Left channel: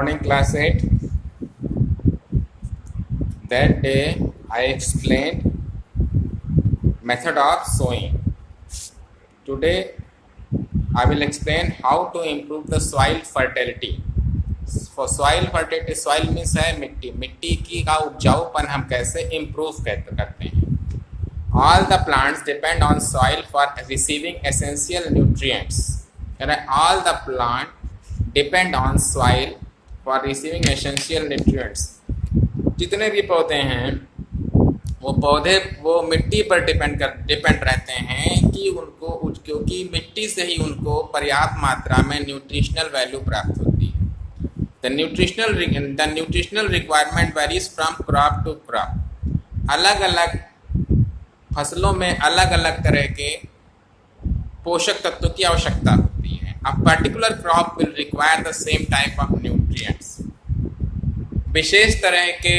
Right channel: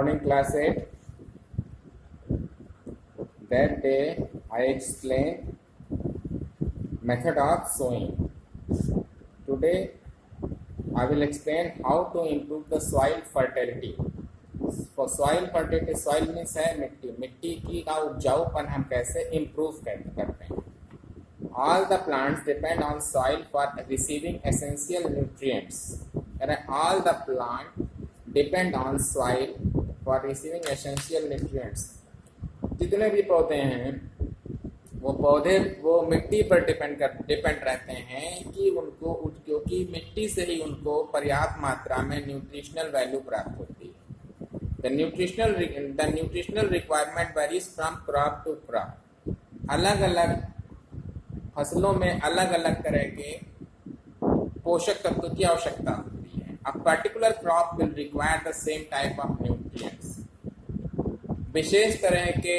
morning class 8. That day I explained method of sowing. Today I will explain how to improve the soil fertility. For soil fertility, soil means है मिट्टी, मिट्टी की का उपजाऊपन हम कैसे improve करते हैं. All the plants depend on soil for receiving essential nutrients. All the plants depend on soil for receiving essential nutrients. जितने भी पौधे हैं वो पौधे वो मिट्टी पर डिपेंड रहते हैं कि उनको क्योंकि मिट्टी से ही उनको पर्याप्त मात्रा में न्यूट्रिशनल वैल्यू प्राप्त होती है. The nutritional requirement varies from crop to crop. अलग अलग फसलों में अलग अलग तरह के पोषक तत्वों की आवश्यकता होती है. A particular crop will require the same type of nutrients. विशेष तरह के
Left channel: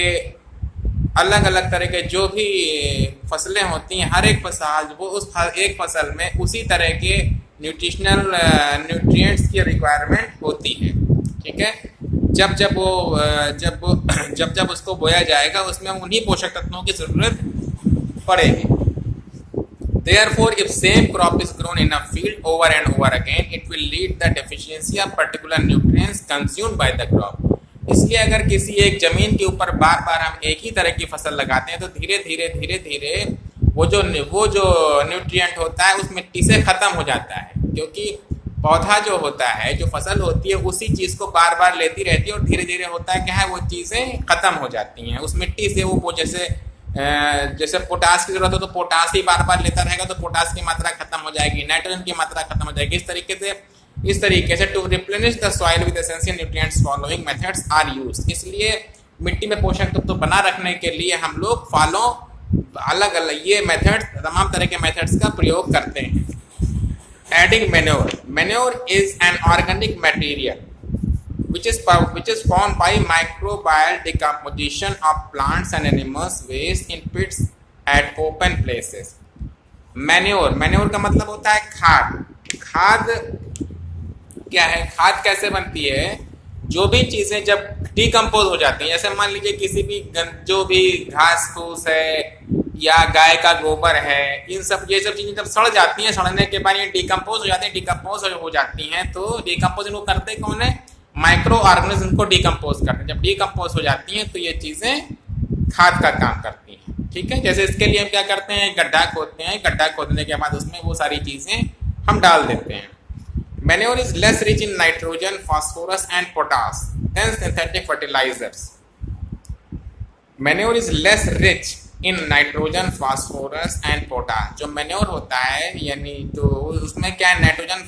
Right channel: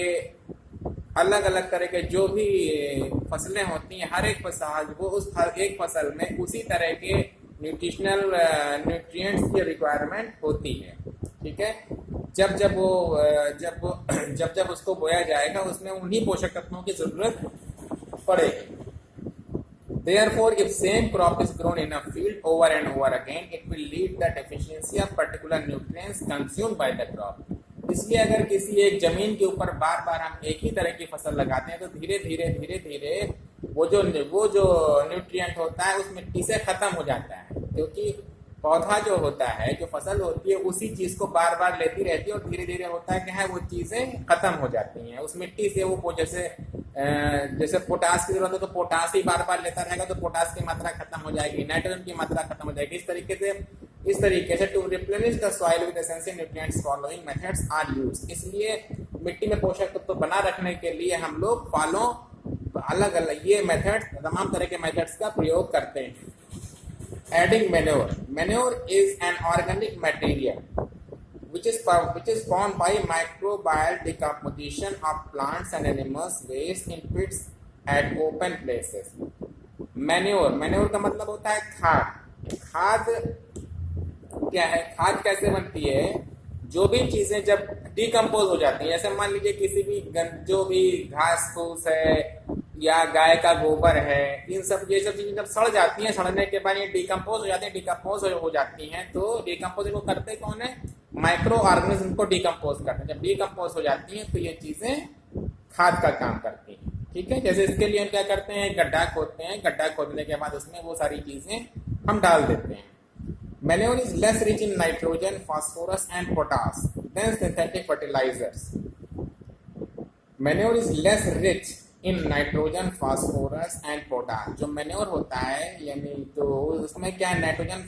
अलग अलग तरह के जो भी फसलें होती हैं, हर एक फसल वो उस एक फसल में उसी तरह के न्यूट्रिएंट्स की रिक्वायरमेंट होती है. ठीक है. जब उसको बोया जाएगा उसमें उन्हीं पोषक तत्वों की जरूरत पड़ेगी. Therefore, if same crop is grown in a field over and over again, it will lead the deficiency of particular nutrients consumed by the crop. इसलिए अगर किसी एक जमीन के ऊपर बार बार हम एक ही तरह की फसल लगाते हैं तो धीरे धीरे वो जो न्यूट्रिएंट होता है उस मिट्टी से खत्म हो जाता है. क्योंकि पौधा जो होता है, जो फसल होती है, उसी चीज़ को बार बार लेती रहती है और धीरे धीरे होता है क्या है, वो चीज़ें खत्म हो जाती हैं उस मिट्टी से. वो जैसे पोटास की जरूरत हो तो पोटास ही बार बार लेता रहेगा तो पोटास की मात्रा खत्म हो जाएगी, नाइट्रोजन की मात्रा खत्म हो जाएगी. इस तरीके से to replenish the soil with essential nutrients following methods are used. इसलिए मिट्टी में पोषक तत्व बना रखने के लिए हम लोग अलग अलग ये मेथड्स, तमाम तरह के मेथड्स का प्रयोग करते हैं. Adding manure is an organic material which is formed by microbial decomposition of plants and animals waste in pits at open places. Manure का मतलब होता है खाद क्या है, खाद कैसे बनती है. जो भी चीजें जब डिकम्पोज हो जाती हैं, जैसे मान लीजिए किसी भी जो भी घास फूस है या गाय का गोबर है, ये सब चीजें जब सड़ जाती हैं, सड़ने के बाद ये डिकम्पोज हो जाती हैं तो डिकम्पोज को करते कौन है, माइक्रो ऑर्गेनिज्म को डिकम्पोज करते हैं. जब डिकम्पोज हो जाती हैं तो ये चीजें खाद का काम करती हैं. ठीक है. जैसे इसके लिए हम क्या करते हैं, गड्ढा खोदते हैं, गड्ढा खोदने के बाद उसमें वो सारी चीजें हम डाल देते हैं. Manure is less rich in nitrogen, phosphorus and potash than synthetic fertilisers. Manure is less rich in nitrogen, phosphorus and potash. जो मैन्योर होता है यानी तो उसमें क्या है, नाइट्रोजन,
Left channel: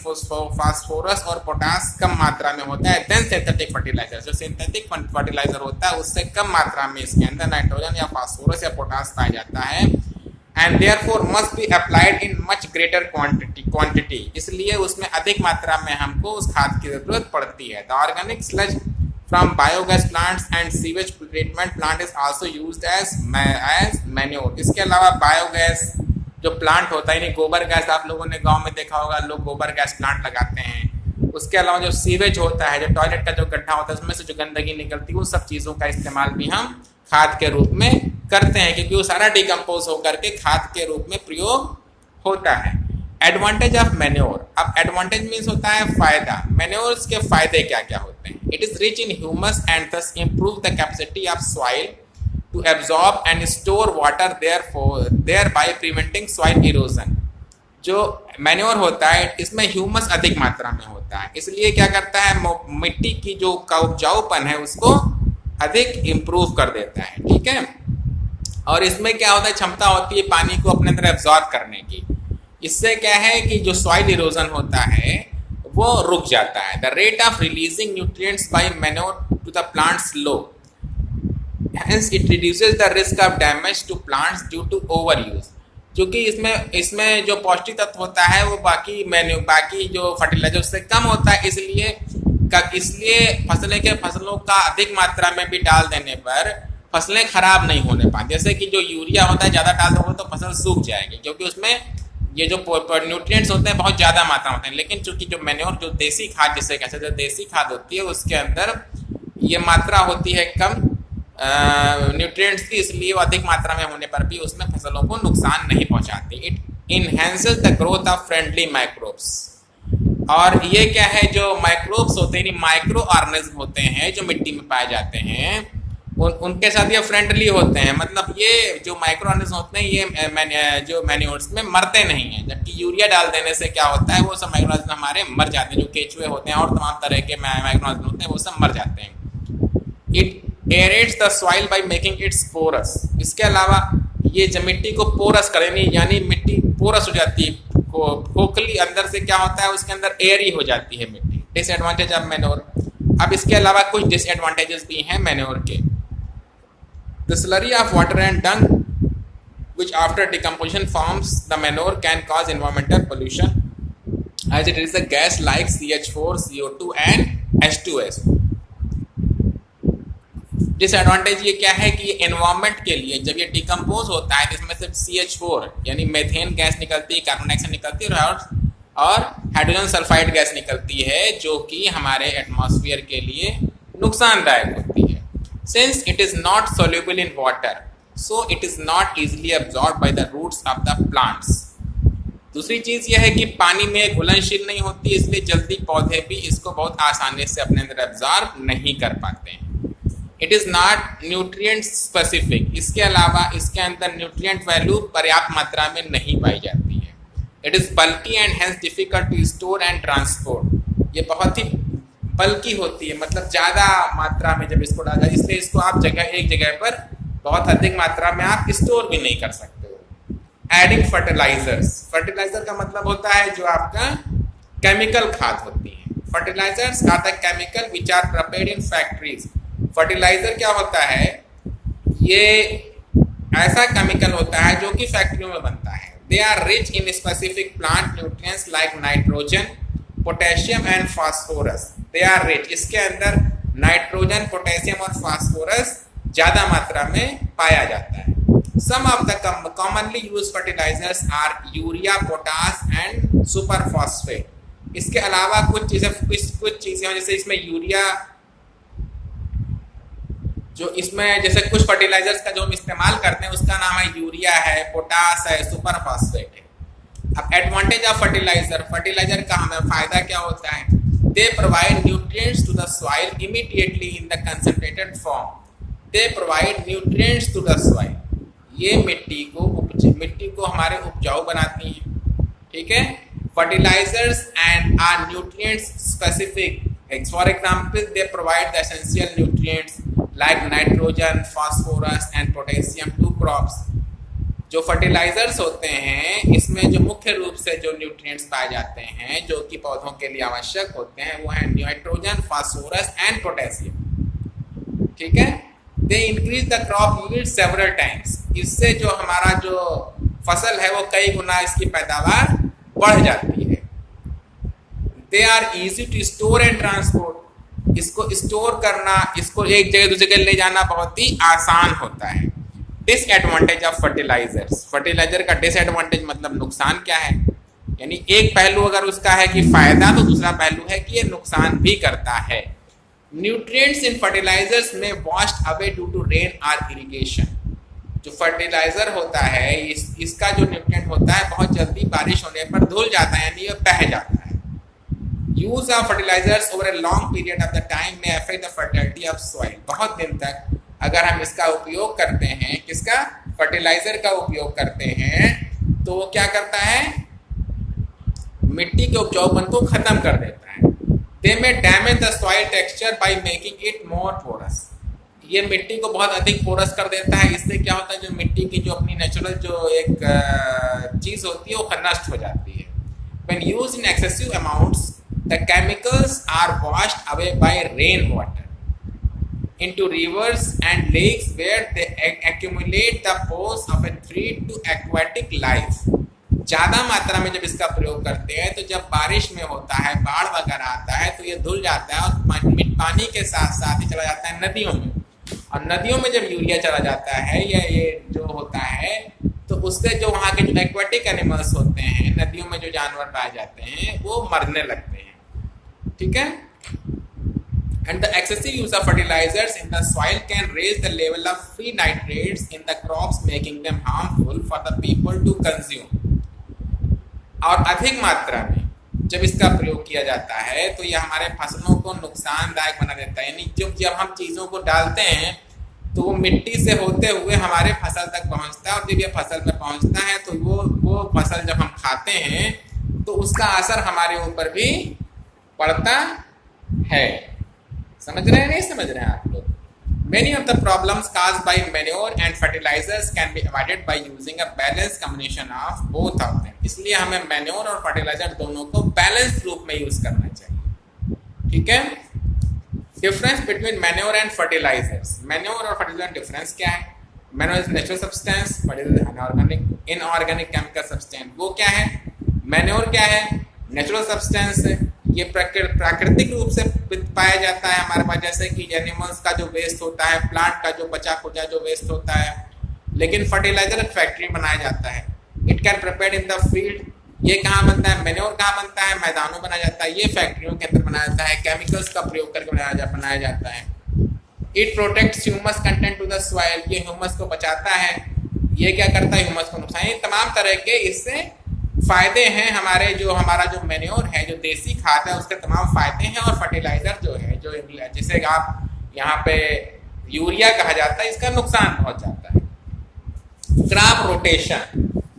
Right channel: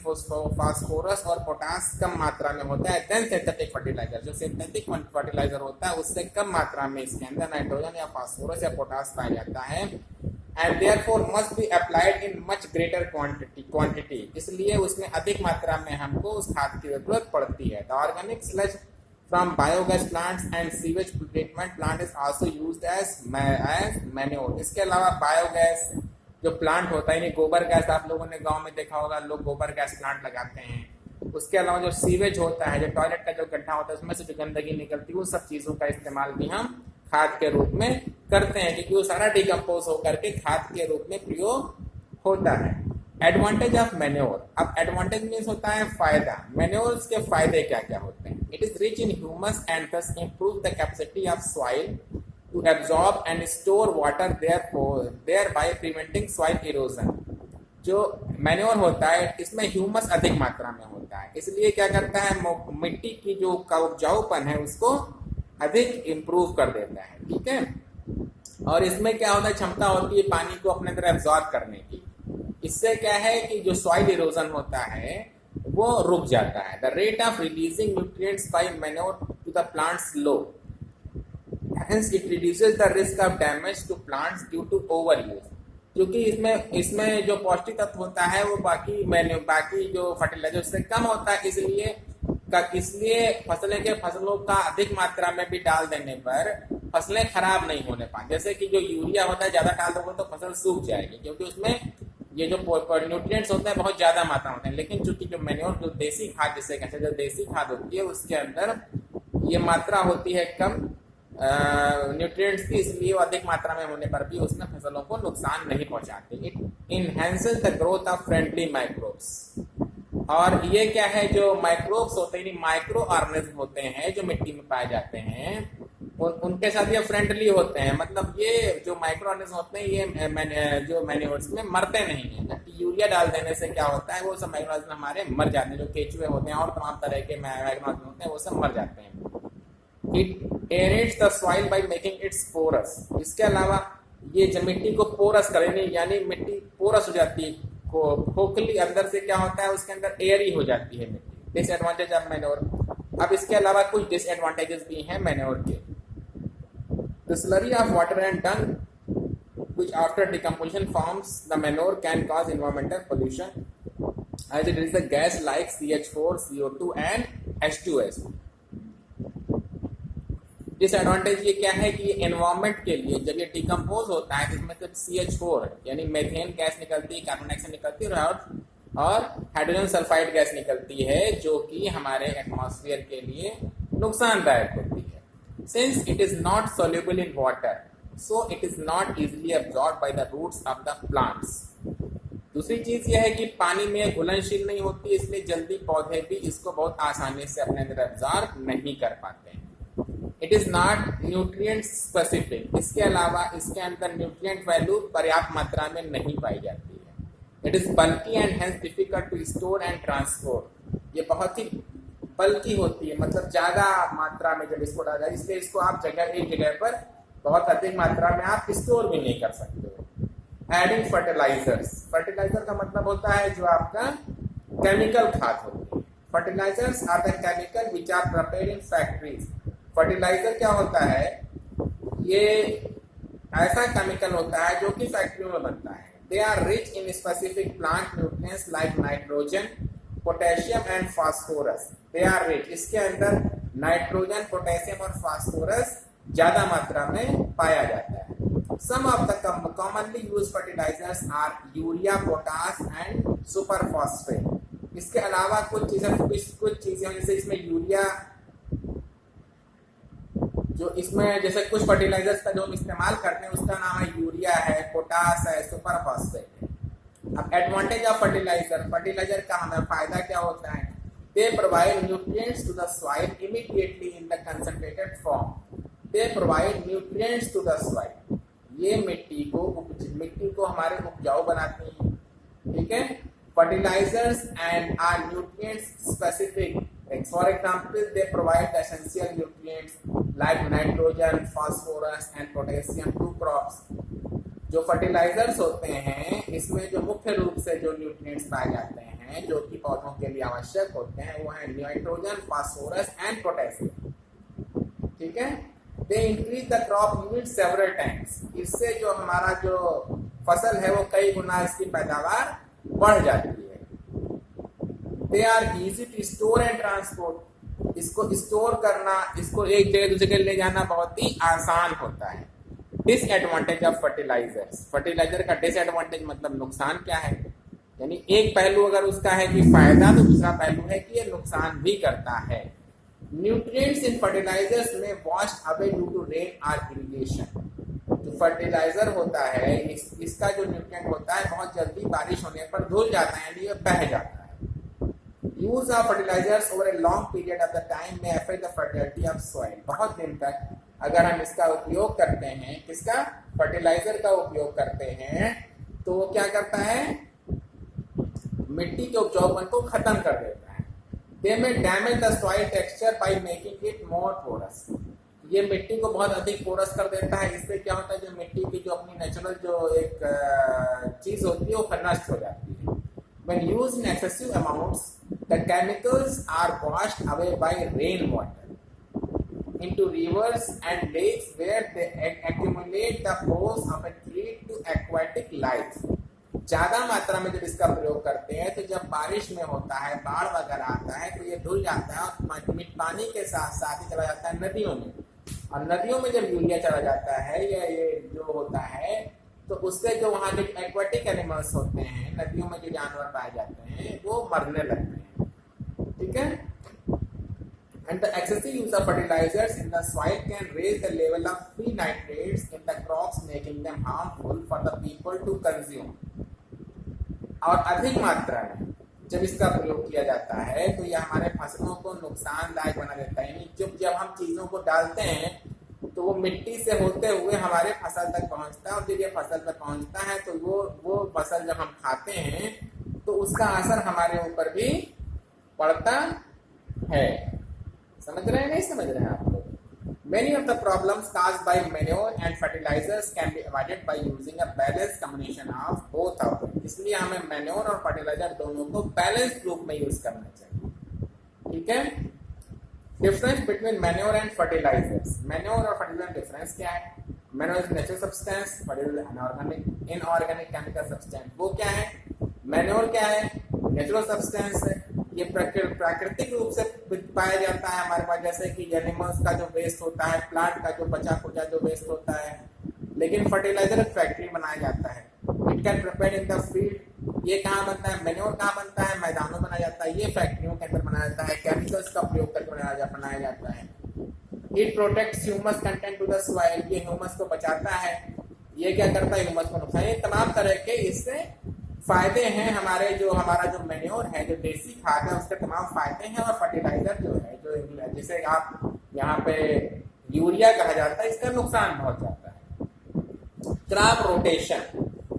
फास्फोरस और पोटास कम मात्रा में होता है देन सिंथेटिक फर्टिलाइजर. जो सिंथेटिक फर्टिलाइजर होता है उससे कम मात्रा में इसके अंदर नाइट्रोजन या फास्फोरस या पोटास पाया जाता है. And therefore must be applied in much greater quantity. इसलिए उसमें अधिक मात्रा में हमको उस खाद की जरूरत पड़ती है. The organic sludge from biogas plants and sewage treatment plant is also used as manure. इसके अलावा बायोगैस जो प्लांट होता है, यानी गोबर गैस, आप लोगों ने गांव में देखा होगा, लोग गोबर गैस प्लांट लगाते हैं. उसके अलावा जो सीवेज होता है, जो टॉयलेट का जो गड्ढा होता है, उसमें से जो गंदगी निकलती है, उन सब चीज़ों का इस्तेमाल भी हम खाद के रूप में करते हैं क्योंकि वो सारा डिकम्पोज होकर के खाद के रूप में प्रयोग होता है. Advantage of manure. अब एडवांटेज मीन्स होता है फायदा. मैन्योर्स के फायदे क्या क्या होते हैं. It is rich in humus and thus improve the capacity of soil to absorb and store water, thereby preventing soil erosion. जो मैन्योर होता है इसमें ह्यूमस अधिक मात्रा में होता है, इसलिए क्या करता है, मिट्टी की जो उपजाऊपन है उसको अधिक इम्प्रूव कर देता है. ठीक है. और इसमें क्या होता है, क्षमता होती है पानी को अपने अंदर एब्जॉर्ब करने की. इससे क्या है कि जो सॉइल इरोजन होता है वो रुक जाता है. The rate of releasing nutrients by manure to the plants low, hence it reduces the risk of damage to plants due to over use. क्योंकि इसमें जो पौष्टिक तत्व होता है वो बाकी जो फर्टिलाइजर से कम होता है, इसलिए फसलों का अधिक मात्रा में भी डाल देने पर फसलें खराब नहीं होने पाती. जैसे कि जो यूरिया होता है ज़्यादा डाल दोगे तो फसल सूख जाएगी क्योंकि उसमें ये जो न्यूट्रिएंट्स होते हैं बहुत ज़्यादा मात्रा होते हैं. लेकिन चूंकि जो मैन्योर, जो देसी खाद जिसे कहते हैं, देसी खाद होती है, उसके अंदर ये मात्रा होती है कम न्यूट्रिएंट्स की, इसलिए वो अधिक मात्रा में होने पर भी उसमें फसलों को नुकसान नहीं पहुंचाती। It enhances the growth of friendly microbes. और ये क्या है, जो माइक्रोब्स होते हैं, माइक्रो ऑर्गेनिज्म होते हैं जो मिट्टी में पाए जाते हैं, उनके साथ ये फ्रेंडली होते हैं। मतलब ये जो माइक्रो ऑर्गेनिज्म होते हैं ये जो मैन्योर्स में मरते नहीं हैं, जबकि यूरिया डाल देने से क्या होता है, वो सब माइक्रो ऑर्गेनिज्म हमारे मर जाते हैं। जो केचुए होते हैं और तमाम तरह के माइक्रो ऑर्गेनिज्म होते हैं वो सब मर जाते हैं। It aerates the soil by making its porous. इसके अलावा ये मिट्टी को पोरस करें, यानी मिट्टी पोरस हो जाती है, खोखली, अंदर से क्या होता है उसके अंदर एयरी हो जाती है मिट्टी। Disadvantage of manure. अब इसके अलावा कुछ डिसएडवांटेजेस भी हैं मैन्योर के। The slurry of water and dung, which after decomposition forms the manure, can cause environmental pollution, as it is a gas like CH4, CO2 and H2SO. Disadvantage ये क्या है कि एनवायरमेंट के लिए जब ये डिकम्पोज होता है तो इसमें सिर्फ CH4 यानी मेथेन गैस निकलती है, कार्बन डाइऑक्साइड निकलती है और हाइड्रोजन सल्फाइड गैस निकलती है, जो कि हमारे एटमॉस्फेयर के लिए नुकसानदायक होती है। Since it is not soluble in water, so it is not easily absorbed by the roots of the plants. दूसरी चीज यह है कि पानी में घुलनशील नहीं होती, इसलिए जल्दी पौधे भी इसको बहुत आसानी से अपने अंदर एब्जॉर्ब नहीं कर पाते हैं। It is not nutrient specific. इसके अलावा इसके अंदर न्यूट्रिएंट वैल्यू पर्याप्त मात्रा में नहीं पाई जाती है। It is bulky and has difficult to store and transport. ये बहुत ही बल्कि होती है, मतलब ज़्यादा मात्रा में जब इसको डाला, इसलिए इसको आप एक जगह पर बहुत अधिक मात्रा में आप स्टोर भी नहीं कर सकते हो। Adding fertilisers. फर्टिलाइजर का मतलब होता है जो आपका केमिकल खाद होती है। Fertilisers are the chemical which are prepared in factories. Fertiliser क्या होता है, ये ऐसा केमिकल होता है जो कि फैक्ट्रियों में बनता है। They are rich in specific plant nutrients like nitrogen, potassium and phosphorus. They are rich. इसके अंदर नाइट्रोजन, पोटेशियम और फास्फोरस ज़्यादा मात्रा में पाया जाता है। Some of the commonly use fertilizers are urea, potash and super phosphate. इसके अलावा कुछ चीज़ें जैसे इसमें यूरिया, जो इसमें जैसे कुछ फर्टिलाइजर्स का जो हम इस्तेमाल करते हैं उसका नाम है यूरिया है, पोटास है, सुपर फॉस्फेट है। अब एडवांटेज ऑफ फर्टिलाइजर। फर्टिलाइजर का हमें फायदा क्या होता है, they provide nutrients to the soil immediately in the concentrated form. They provide nutrients to the soil. ये मिट्टी को हमारे उपजाऊ बनाती हैं, ठीक है। Fertilizers and are nutrients specific. For example, they provide the essential nutrients like nitrogen, phosphorus and potassium to crops. जो फर्टिलाइजर्स होते हैं इसमें जो मुख्य रूप से जो न्यूट्रिएंट्स पाए जाते हैं जो कि पौधों के लिए आवश्यक होते हैं वो है नाइट्रोजन, फास्फोरस एंड पोटेशियम, ठीक है। They increase the crop yield several times. इससे जो हमारा जो फसल है वो कई गुना इसकी पैदावार बढ़ जाती है। They are easy to store and transport. इसको स्टोर करना, इसको एक जगह दूसरी जगह ले जाना बहुत ही आसान होता है। Disadvantage of fertilisers. फर्टिलाइजर का डिसएडवांटेज मतलब नुकसान क्या है, यानी एक पहलू अगर उसका है कि फायदा, तो दूसरा पहलू है कि ये नुकसान भी करता है। न्यूट्रिएंट्स इन फर्टिलाइजर्स में washed away due to rain और इरिगेशन। जो फर्टिलाइजर होता है इसका जो न्यूट्रिएंट होता है बहुत जल्दी बारिश होने पर धुल जाता है, यानी ये बह जाता है। Use of fertilizers over a long period of the time में affect the fertility of soil. बहुत दिन तक अगर हम इसका उपयोग करते हैं, किसका, फर्टिलाइजर का उपयोग करते हैं, तो वो क्या करता है, मिट्टी के उपजाऊपन को खत्म कर देता है। They may damage the soil texture by making it more porous. ये मिट्टी को बहुत अधिक पोरस कर देता है। इससे क्या होता है, जो मिट्टी की जो अपनी नेचुरल जो एक चीज़ होती है वो नष्ट हो जाती है। When used in excessive amounts the chemicals are washed away by rain water into rivers and lakes where they accumulate the bones of a threat to aquatic life. ज़्यादा मात्रा में जब इसका प्रयोग करते हैं तो जब बारिश में होता है, बाढ़ वगैरह आता है तो ये धुल जाता है और पानी के साथ साथ ही चला जाता है नदियों में। और नदियों में जब यूरिया चला जाता है या ये जो होता है तो उससे जो वहाँ के जो एक्वाटिक एनिमल्स होते हैं, नदियों में जो जानवर पाए जाते हैं वो मरने लगते हैं, ठीक है। And the excessive use of fertilizers in the soil can raise the level of free nitrates in the crops, making them harmful for the people to consume. और अधिक मात्रा में जब इसका प्रयोग किया जाता है तो यह हमारे फसलों को नुकसानदायक बना देता है। यानी जब हम चीज़ों को डालते हैं तो वो मिट्टी से होते हुए हमारे फसल तक पहुंचता है, और जब ये फसल में पहुंचता है तो वो फसल जब हम खाते हैं तो उसका असर हमारे ऊपर भी पड़ता है। समझ रहे हैं नहीं समझ रहे हैं आप लोग? Many of the problems caused by manure and fertilizers can be avoided by using a balanced combination of both of them. इसलिए हमें मैन्योर और फर्टिलाइजर दोनों को बैलेंस रूप में यूज करना चाहिए। ठीक है? Difference between manure and fertilisers. Manure और फर्टिलाइजर डिफरेंस क्या है? Manure is natural substance, fertiliser unorganic inorganic chemical substance. वो क्या है? मैन्योर क्या है? नेचुरल सब्सटेंस है, ये प्राकृतिक रूप से पाया जाता है हमारे पास, जैसे कि एनिमल्स का जो वेस्ट होता है, प्लांट का जो बचा खुचा जो वेस्ट होता है। लेकिन फर्टिलाइजर फैक्ट्री में बनाया जाता है। It can prepared in the field. ये कहाँ बनता है? मैन्योर कहाँ बनता है? मैदानों में बनाया जाता है। ये फैक्ट्रियों के अंदर बनाया जाता है, केमिकल्स का प्रयोग करके बनाया जाता है। It protects humus content to the soil. ये ह्यूमस को बचाता है। ये क्या करता है? ह्यूमस को नुकसान। ये तमाम तरह के इससे फायदे हैं। हमारा जो मैन्योर है, जो देसी खाद है, उसके तमाम फायदे हैं। और फर्टिलाइजर जो है, जो जिसे आप यहाँ पे यूरिया कहा जाता है, इसका नुकसान पहुंच जाता है। Crop rotation.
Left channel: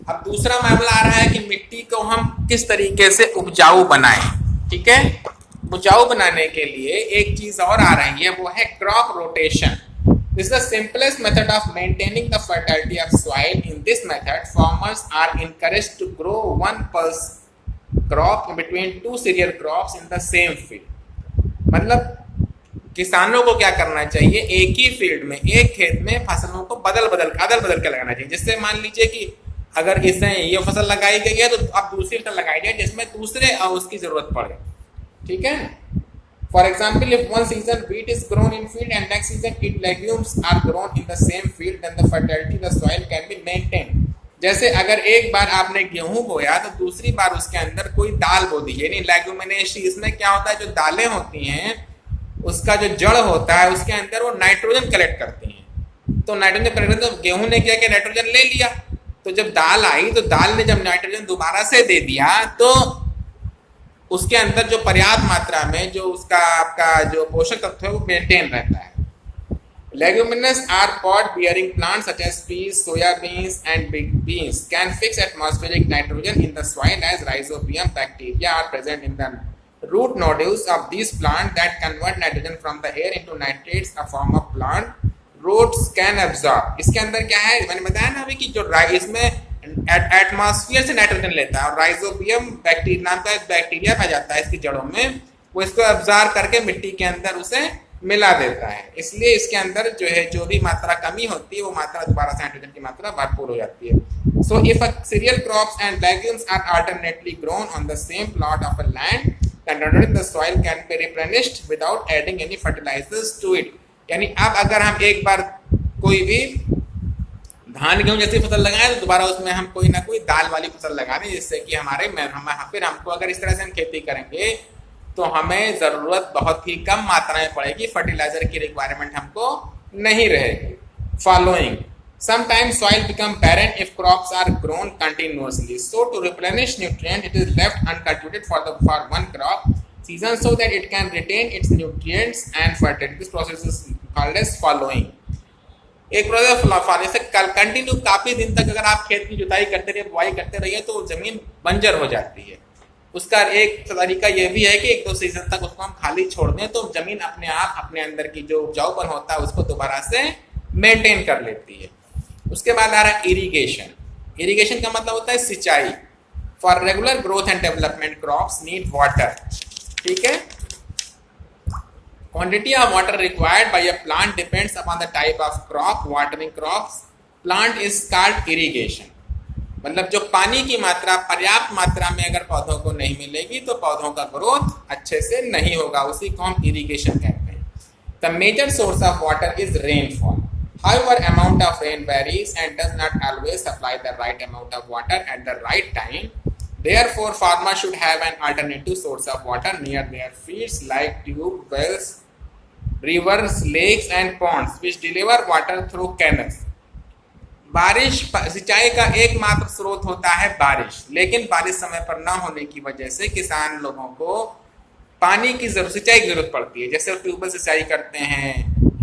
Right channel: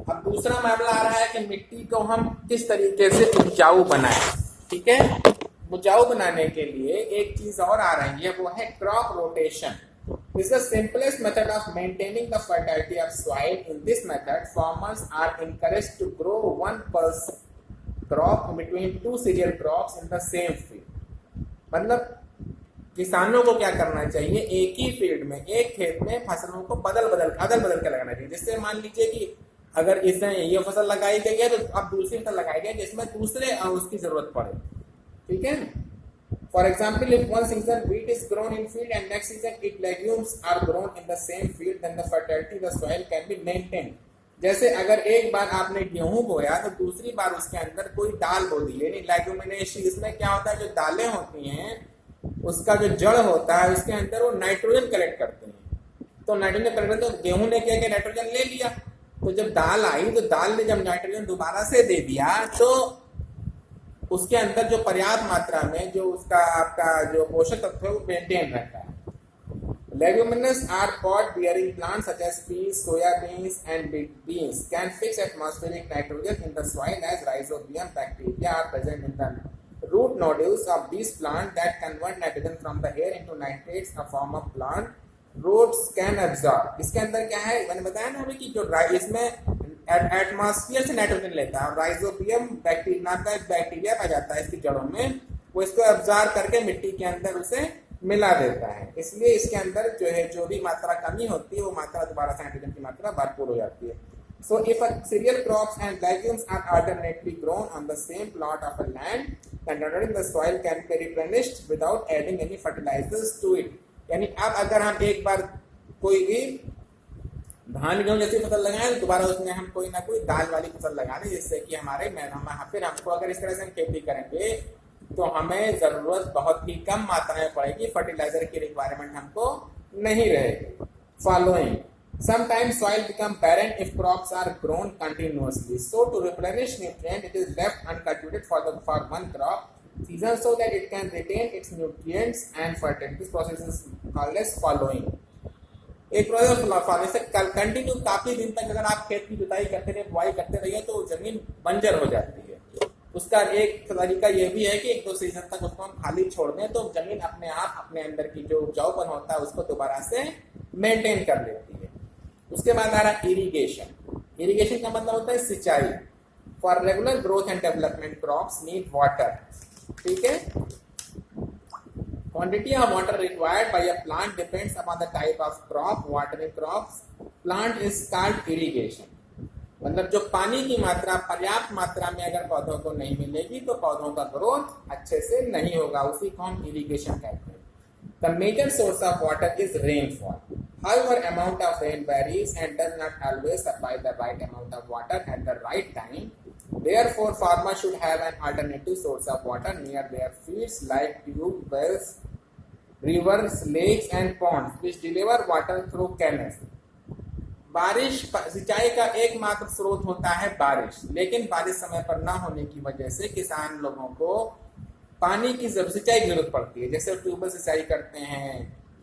अब दूसरा मामला आ रहा है कि मिट्टी को हम किस तरीके से उपजाऊ बनाएं। ठीक है? उपजाऊ बनाने के लिए एक चीज और आ रही है, वो है crop rotation. This is the simplest method of maintaining the fertility of soil. In this method, farmers are encouraged to grow one pulse crop between two cereal crops in the same field. मतलब किसानों को क्या करना चाहिए? एक ही field में, एक खेत में फसलों को अदल बदल के लगाना चाहिए। जिससे मान लीजिए कि अगर इसमें ये फसल लगाई गई है तो अब दूसरी फसल लगाई जाए जिसमें दूसरे उसकी जरूरत पड़े। ठीक है? For example, if one season wheat is grown in field and next season it legumes are grown in the same field, then the fertility of the soil can be maintained. जैसे अगर एक बार आपने गेहूं बोया तो दूसरी बार उसके अंदर कोई दाल बो दी, यानी लेग्यूमिनेसी। इसमें क्या होता है? जो दालें होती हैं उसका जो जड़ होता है उसके अंदर वो नाइट्रोजन कलेक्ट करती हैं। तो नाइट्रोजन कलेक्ट, तो गेहूं ने क्या किया? नाइट्रोजन ले लिया। तो जब दाल आई तो दाल ने जब नाइट्रोजन दोबारा से दे दिया तो उसके अंदर जो पर्याप्त मात्रा में जो उसका आपका जो पोषक तत्व है वो मेंटेन रहता है। Leguminous are pod-bearing plants such as peas, soya beans, and big beans can fix atmospheric nitrogen in the soil as rhizobium bacteria are present in the root nodules of these plants that convert nitrogen from the air into nitrates, a form of plant roots can absorb. इसके अंदर क्या है? मैंने बताया ना अभी कि जो इसमें एटमॉस्फेयर से नाइट्रोजन लेता है और राइजोबियम बैक्टीरिया नाम का बैक्टीरिया पाया जाता है इसकी जड़ों में, वो इसको एब्जॉर्ब करके मिट्टी के अंदर उसे मिला देता है। इसलिए इसके अंदर जो है जो भी मात्रा कमी होती है वो मात्रा दोबारा से नाइट्रोजन की मात्रा भरपूर हो जाती है। So if a cereal crops and legumes are alternately grown on the same plot of a land, then the soil can be replenished without adding any fertilisers to it. यानी अब अगर हम एक बार कोई भी धान गेहूं जैसी फसल लगाएं तो दोबारा उसमें हम कोई ना कोई दाल वाली फसल लगा दें, जिससे कि फिर हमको अगर इस तरह से हम खेती करेंगे तो हमें ज़रूरत बहुत ही कम मात्रा में पड़ेगी, फर्टिलाइजर की रिक्वायरमेंट हमको नहीं रहेगी। Following sometimes soil become barren if crops are grown continuously, so to replenish nutrient it is left uncultivated for one crop season so that it can retain its nutrients and fertility. This process is called as following. एक process से continue काफी दिन तक अगर आप खेत की जुताई करते रहिए, बुआई करते रहिए तो जमीन बंजर हो जाती है। उसका एक तरीका यह भी है कि एक दो सीजन तक उसको हम खाली छोड़ दें तो जमीन अपने आप अपने अंदर की जो उपजाऊपन होता है उसको दोबारा से मेंटेन कर लेती है। उसके बाद आ रहा है इरिगेशन। इरिगेशन का मतलब होता है सिंचाई। For regular growth and development crops need water. ठीक है? Quantity of water required by a plant depends upon the type of crop. Watering crops plant is called irrigation. मतलब जो पानी की मात्रा पर्याप्त मात्रा में अगर पौधों को नहीं मिलेगी तो पौधों का ग्रोथ अच्छे से नहीं होगा, उसी को हम इरिगेशन कहते हैं। The major source of water is rainfall. However, amount of rain varies and does not always supply the right amount of water at the right time. Therefore, farmers should have an alternative source of water near their fields like tube wells, rivers, lakes and ponds which deliver water through canals. बारिश सिंचाई का एकमात्र स्रोत होता है बारिश, लेकिन बारिश समय पर न होने की वजह से किसान लोगों को पानी की सिंचाई की जरूरत पड़ती है। जैसे ट्यूबवेल सिंचाई करते हैं,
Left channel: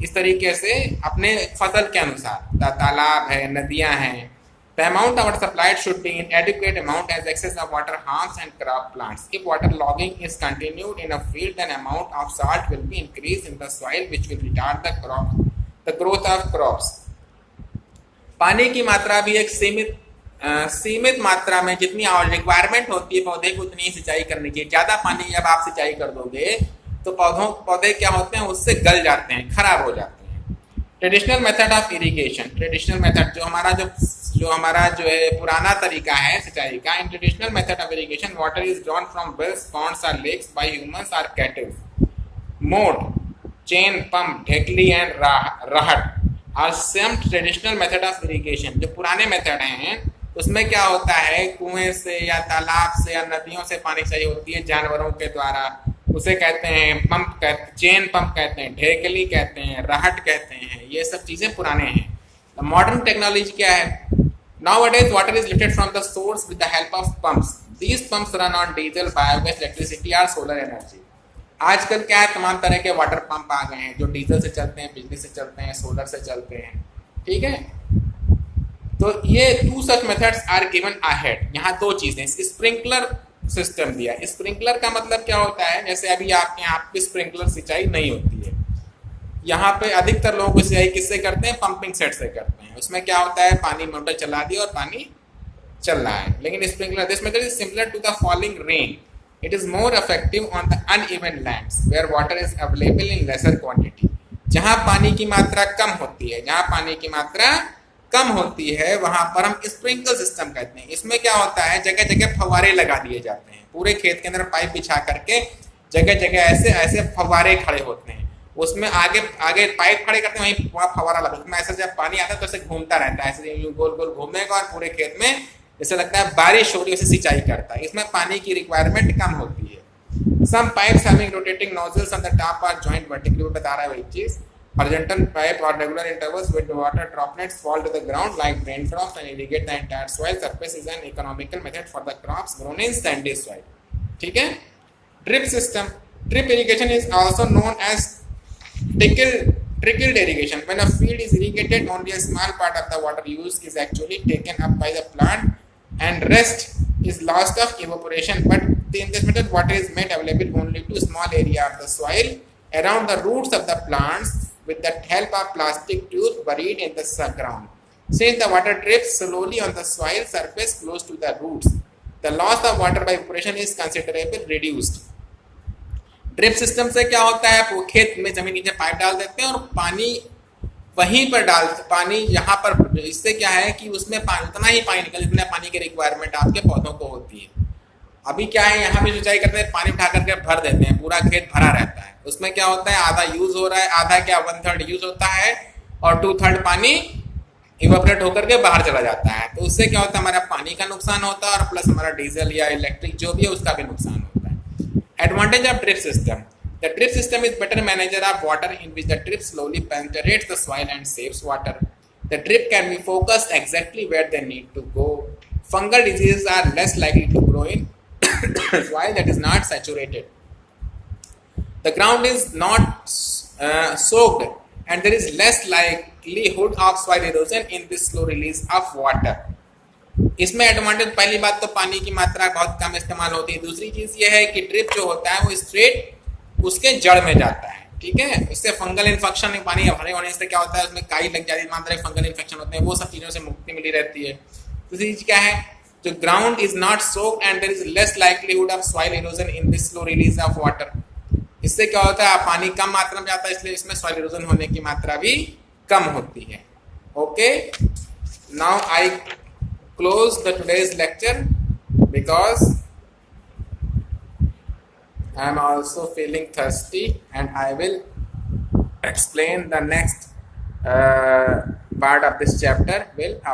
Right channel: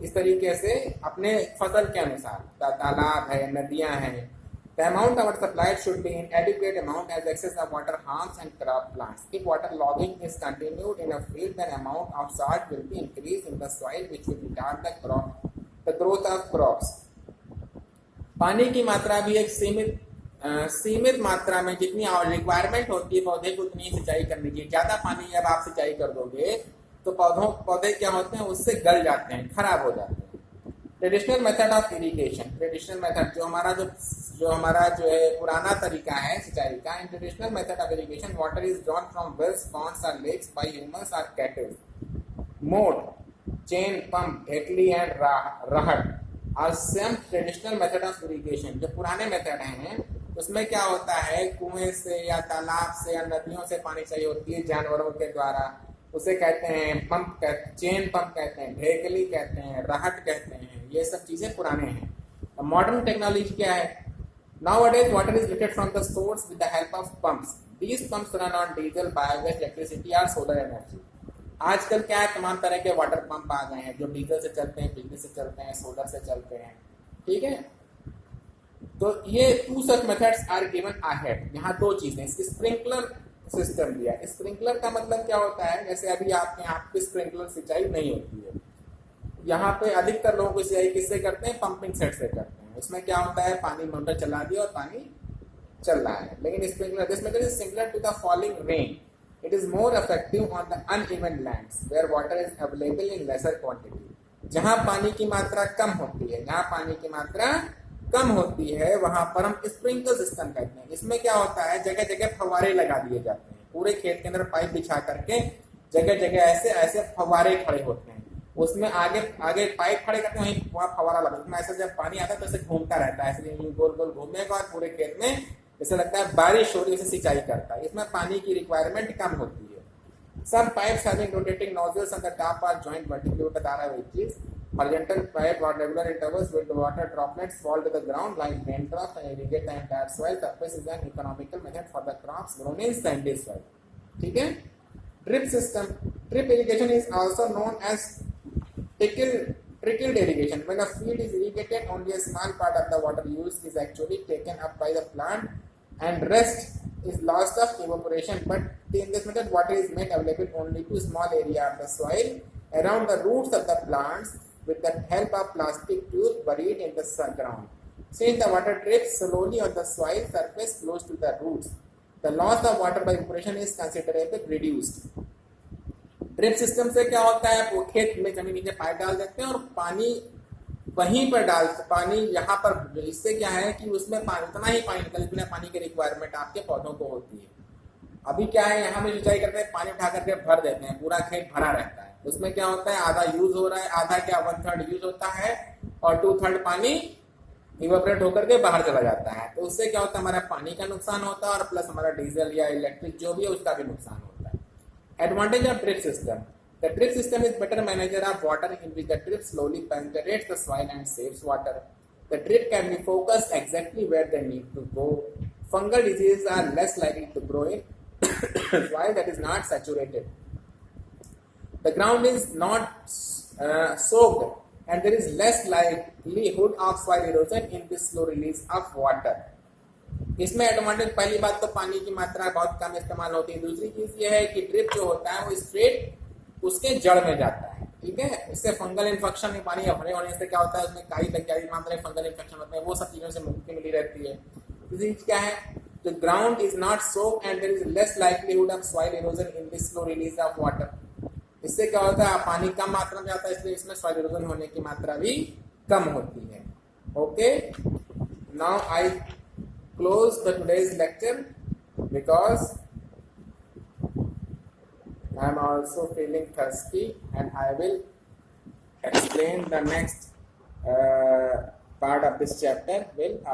इस तरीके से अपने फसल के अनुसार तालाब है, नदियां हैं। The amount of water supplied should be in adequate amount as excess of water harms and crop plants. If water logging is continued in a field, then amount of salt will be increased in the soil, which will retard the growth of crops. पानी की मात्रा भी एक सीमित मात्रा में जितनी requirement होती है पौधे को उतनी सिंचाई करने की। ज्यादा पानी जब आप सिंचाई कर दोगे तो पौधे क्या होते हैं, उससे गल जाते हैं, खराब हो जाते हैं। Traditional method of irrigation, traditional method जो हमारा जो है पुराना तरीका है सिंचाई का। In traditional method of irrigation water is drawn from wells, ponds और लेक्स बाय ह्यूमंस और cattle. Moat, chain pump, dhekli and rahat और some traditional method of irrigation. जो पुराने मेथड हैं उसमें क्या होता है, कुएं से या तालाब से या नदियों से पानी चाहिए होती है जानवरों के द्वारा, उसे कहते हैं पंप, चेन पंप कहते हैं, ढेकली कहते हैं, रहट कहते हैं। ये सब चीजें पुराने हैं। तो मॉडर्न टेक्नोलॉजी क्या है? Nowadays water is lifted from the source with the help of pumps. These pumps run on diesel, biogas, electricity or solar energy. आजकल क्या है, तमाम तरह के वाटर पंप आ गए हैं जो डीजल से चलते हैं, बिजली से चलते हैं, सोलर से चलते हैं। ठीक है, तो ये two such methods are given ahead. यहाँ दो चीजें, स्प्रिंकलर सिस्टम दिया। स्प्रिंकलर का मतलब क्या होता है, जैसे अभी आपके यहाँ पे स्प्रिंकलर सिंचाई नहीं होती है, यहाँ पे अधिकतर लोग सिंचाई किससे करते हैं, पंपिंग सेट से करते हैं। उसमें क्या होता है, पानी मोटर चला दिया और पानी चल रहा है। लेकिन sprinkler, this method is similar to the falling rain. It is more effective on the uneven lands where water is available in lesser quantity. जहाँ पानी की मात्रा कम होती है, वहां पर हम स्प्रिंकलर सिस्टम कहते हैं। इसमें क्या होता है, जगह जगह फव्वारे लगा दिए जाते हैं। पूरे खेत के अंदर पाइप बिछा करके जगह जगह ऐसे फव्वारे खड़े होते हैं। उसमें आगे पाइप खड़े करते हैं, वहीं फव्वारा लगा, उसमें ऐसे जब पानी आता है तो ऐसे घूमता रहता है, ऐसे गोल गोल घूमेगा और पूरे खेत में जैसे लगता है बारिश हो रही है, उसे सिंचाई करता है। इसमें पानी की रिक्वायरमेंट कम होती है। Some pipes having rotating nozzles on the top are joint vertically, बता रहा है वही चीज। हॉरिजॉन्टल पाइप और regular intervals with water droplets fall to the ground like rain drops and irrigate the entire soil surface is an economical method for the crops grown in sandy soil. ठीक है। Drip system, drip irrigation is also known as trickled irrigation. When a field is irrigated, only a small part of the water used is actually taken up by the plant and rest is lost of evaporation. But in this method, water is made available only to a small area of the soil around the roots of the plants with the help of plastic tubes buried in the ground. Since the water drips slowly on the soil surface close to the roots, the loss of water by evaporation is considerably reduced. Drip system से क्या होता है, वो खेत में जमीन नीचे pipe डाल देते हैं और पानी वहीं पर डाल देते, पानी यहाँ पर। इससे क्या है कि उसमें उतना ही पानी निकल जितना पानी की रिक्वायरमेंट आपके पौधों को होती है। अभी क्या है, यहाँ पे सिंचाई करते हैं, पानी उठा करके भर देते हैं, पूरा खेत भरा रहता है। उसमें क्या होता है, आधा यूज हो रहा है, आधा क्या 1/3 यूज होता है और 2/3 पानी इवेपोरेट होकर के बाहर चला जाता है। तो उससे क्या होता है, हमारा पानी का नुकसान होता है और प्लस हमारा डीजल या इलेक्ट्रिक जो भी है उसका भी नुकसान होता है। Advantage of drip system: the drip system is better manager of water in which the drip slowly penetrates the soil and saves water. The drip can be focused exactly where they need to go. Fungal diseases are less likely to grow in soil that is not saturated. The ground is not soaked and there is less likelihood of soil erosion in this slow release of water. इसमें advantage, पहली बात तो पानी की मात्रा बहुत कम इस्तेमाल होती है। दूसरी चीज ये है कि ड्रिप जो होता है वो स्ट्रेट उसके जड़ में जाता है। ठीक है, इससे फंगल इन्फेक्शन, पानी भरे होने से क्या होता है, उसमें काई लग जाती है, मात्रा फंगल इन्फेक्शन होते हैं, वो सब चीजों से मुक्ति मिली रहती है। दूसरी चीज क्या है, जो ground is not soaked and there is less likelihood of soil erosion in this slow release of water. इससे क्या होता है, पानी कम मात्रा में जाता है, इसलिए इसमें सॉइल इरोजन होने की मात्रा भी कम होती है। Okay, now I close the today's lecture because I am also feeling thirsty and I will explain the next part of this chapter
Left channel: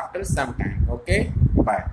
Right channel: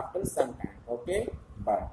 after some time. Okay, bye.